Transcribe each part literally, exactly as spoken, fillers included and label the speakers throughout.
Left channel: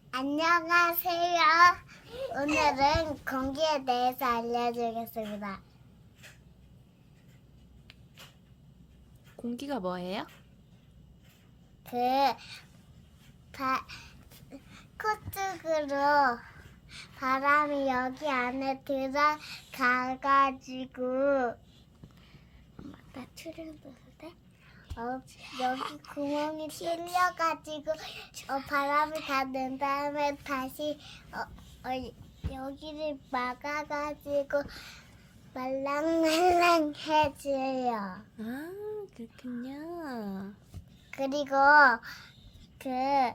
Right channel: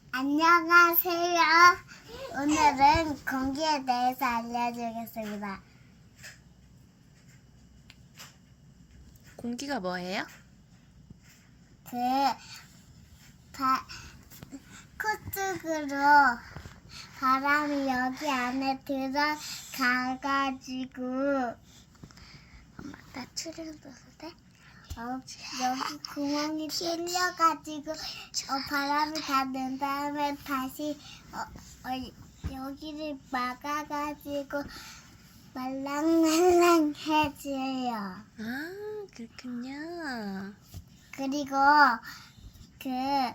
Speaker 1: 안녕하세요. 오늘은 공기에 대해서 알려주겠습니다.
Speaker 2: 공기가 뭐예요?
Speaker 1: 그 바, 코쪽으로 바람이 여기 안에 들어가가지고 엄마 나 출연해도 돼? 어, 여기 구멍이 뚫려가지고 어, 바람이 다 낸 다음에 다시 어, 어, 여기를 막아가지고 말랑말랑해져요.
Speaker 2: 아, 그렇군요.
Speaker 1: 그리고 그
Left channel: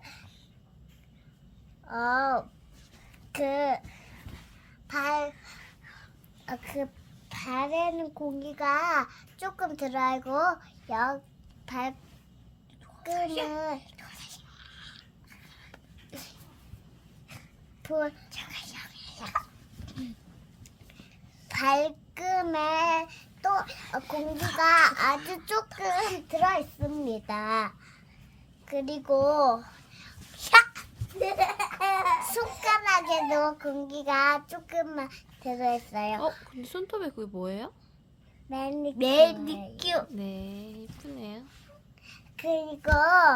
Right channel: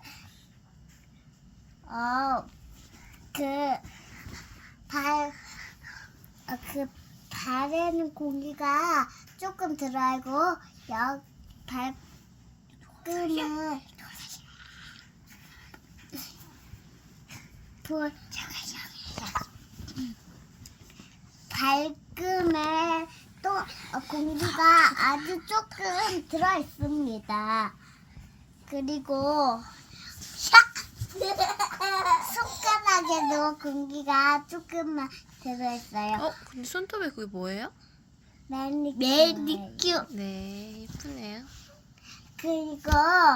Speaker 1: 어, 그 발, 어, 그 발에는 공기가 조금 들어가고 여 발끈은 돌 발금에 또 공기가 아주 조금 들어 있습니다. 그리고 손가락에도 공기가 조금만 들어 있어요.
Speaker 2: 어, 근데 손톱에 그게 뭐예요?
Speaker 1: 매니큐. 매니큐.
Speaker 2: 네, 예쁘네요.
Speaker 1: 그리고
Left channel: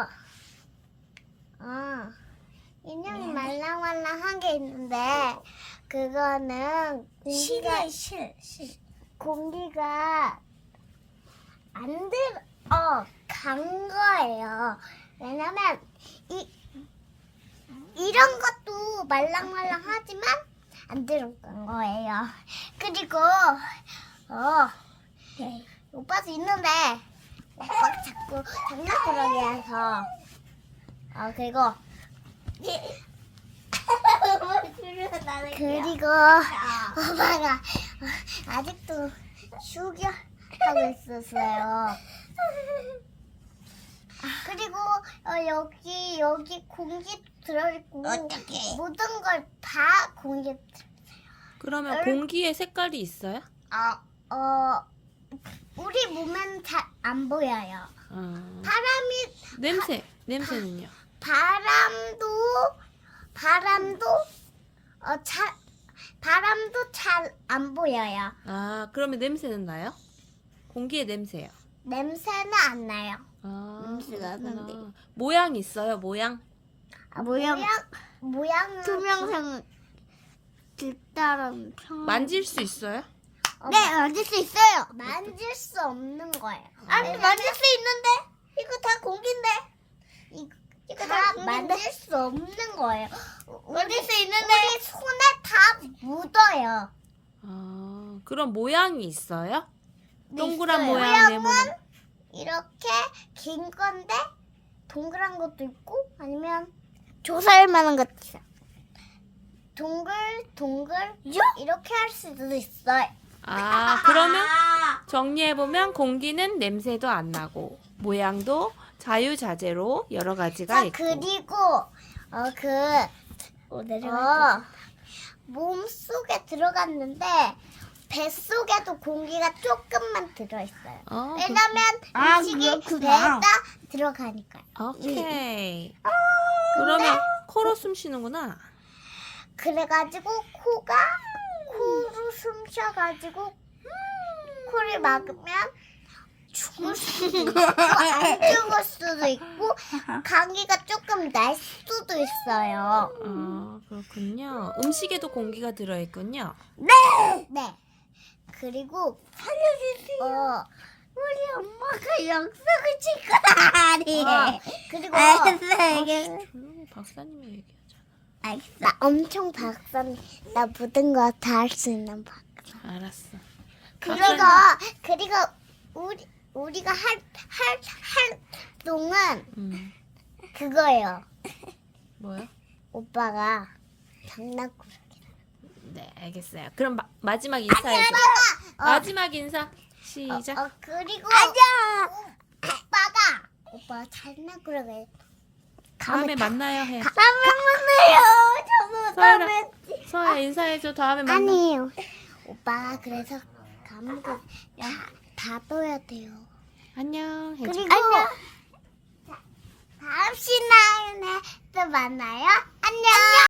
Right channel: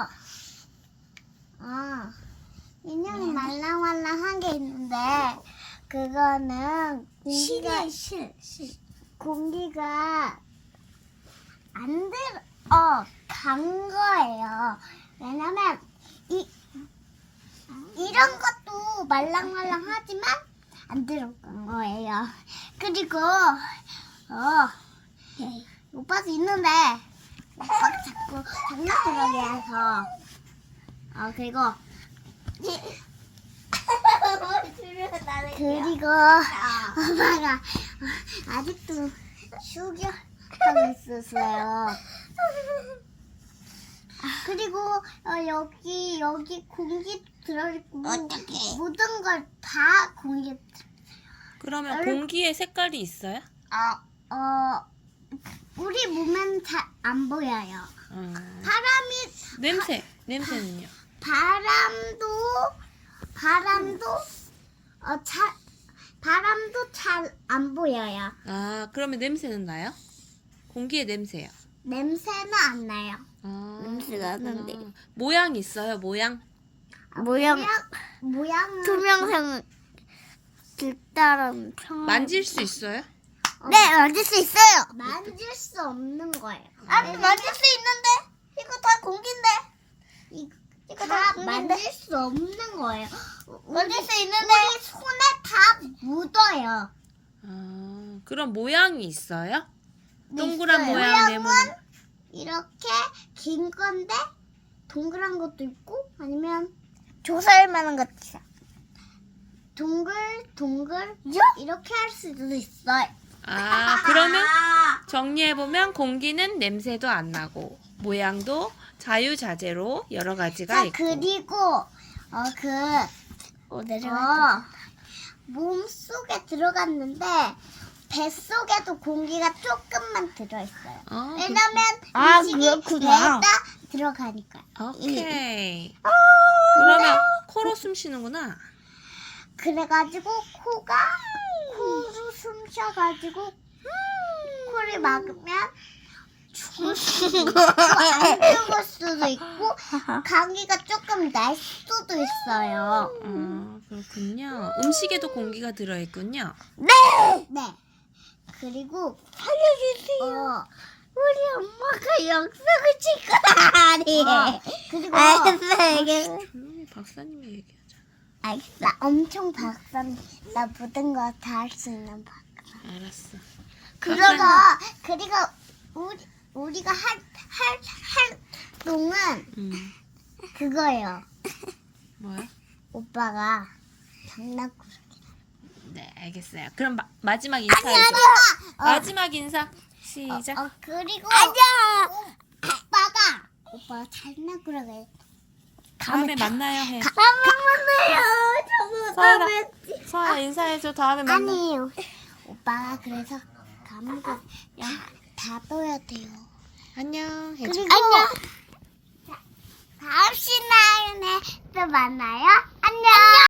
Speaker 1: 어, 인형이 말랑말랑한 게 있는데 그거는 공기가 실, 실. 공기가 안 들어 간 거예요. 왜냐면 이 이런 것도 말랑말랑하지만 안 들어간 거예요. 그리고 어 네. 오빠도 있는데 오빠가 자꾸 장난꾸러기 해서 어 그리고 그리고 오빠가 아직도 숙여하고 있었어요. 그리고 어, 여기 여기 공기 들어있고 모든 걸 다 공기.
Speaker 2: 그러면
Speaker 1: 얼-
Speaker 2: 공기에 색깔이 있어요?
Speaker 1: 어, 어 우리 몸엔 잘 안 보여요.
Speaker 2: 아,
Speaker 1: 바람이
Speaker 2: 냄새, 냄새는요?
Speaker 1: 바람도 바람도 어 잘 바람도 잘 안 보여요.
Speaker 2: 아, 그러면 냄새는 나요? 공기의 냄새요.
Speaker 1: 냄새는 안 나요.
Speaker 2: 아,
Speaker 1: 냄새가
Speaker 2: 그렇구나.
Speaker 1: 나는데.
Speaker 2: 모양 있어요, 모양?
Speaker 1: 모양 모양은 투명상 길다란 평.
Speaker 2: 만질 수 있어요?
Speaker 1: 네, 만질 수 있어요. 만질 수 없는 거예요. 아니, 만질 수 있는데 이거 다 공기인데. 이, 이거 다 만질 수 없는 거예요. 만질 수 있는데 우리 손에 다 묻어요.
Speaker 2: 아, 그럼 모양이 있어요? 동그란
Speaker 1: 있어요.
Speaker 2: 모양,
Speaker 1: 모양은
Speaker 2: 네모난.
Speaker 1: 이렇게 긴 건데 동그란 것도 있고 아니면 조살만한 것도 있어요. 동글 동글 이렇게 할 수도 있어요.
Speaker 2: 아, 그러면 정리해보면 공기는 냄새도 안 나고 모양도 자유자재로 여러 가지가
Speaker 1: 자,
Speaker 2: 있고.
Speaker 1: 그리고 어그 어, 내려가 몸 속에 들어갔는데 뱃속에도 공기가 조금만 들어있어요.
Speaker 2: 어,
Speaker 1: 왜냐면
Speaker 3: 아,
Speaker 1: 음식이
Speaker 3: 그렇구나.
Speaker 1: 배에다 들어가니까요.
Speaker 2: 그, 오케이. 그러면 코로 숨 쉬는구나.
Speaker 1: 그래가지고 코가 코로 숨 쉬어가지고 코를 막으면 죽을 수도 있고 안 죽을 수도 있고 감기가 조금 날 수도 있어요.
Speaker 2: 아, 그렇군요. 음식에도 공기가 들어있군요.
Speaker 1: 네. 네. 그리고
Speaker 3: 살려주세요.
Speaker 1: 어
Speaker 3: 우리 엄마가 약속을 지켜라니.
Speaker 1: 어, 그리고
Speaker 3: 알았어, 이게.
Speaker 2: 조용히 박사님이 얘기하잖아.
Speaker 1: 알겠어. 나 엄청 박사님. 나 모든 거 다 할 수 있는 박.
Speaker 2: 알았어.
Speaker 1: 그리고 그리고 우리 우리가 할 할 할 동안
Speaker 2: 음,
Speaker 1: 그거예요.
Speaker 2: 뭐야?
Speaker 1: 오빠가 장난꾸러.
Speaker 2: 네, 알겠어요. 그럼 마, 마지막 인사해줘.
Speaker 1: 어,
Speaker 2: 마지막 인사. 시작.
Speaker 1: 어 그리고
Speaker 3: 아자.
Speaker 1: 오빠가 오빠가 장난꾸러기.
Speaker 2: 다음에 만나요. 해.
Speaker 3: 사랑해요. 저도
Speaker 2: 서아라,
Speaker 3: 다음에.
Speaker 2: 서아 인사해줘. 다음에 만나.
Speaker 1: 아니에요. 오빠가 그래서 감기 다 떠야 돼요.
Speaker 2: 안녕. 해줘.
Speaker 1: 그리고 자, 다음 시간에 또 만나요. 안녕. 안녕.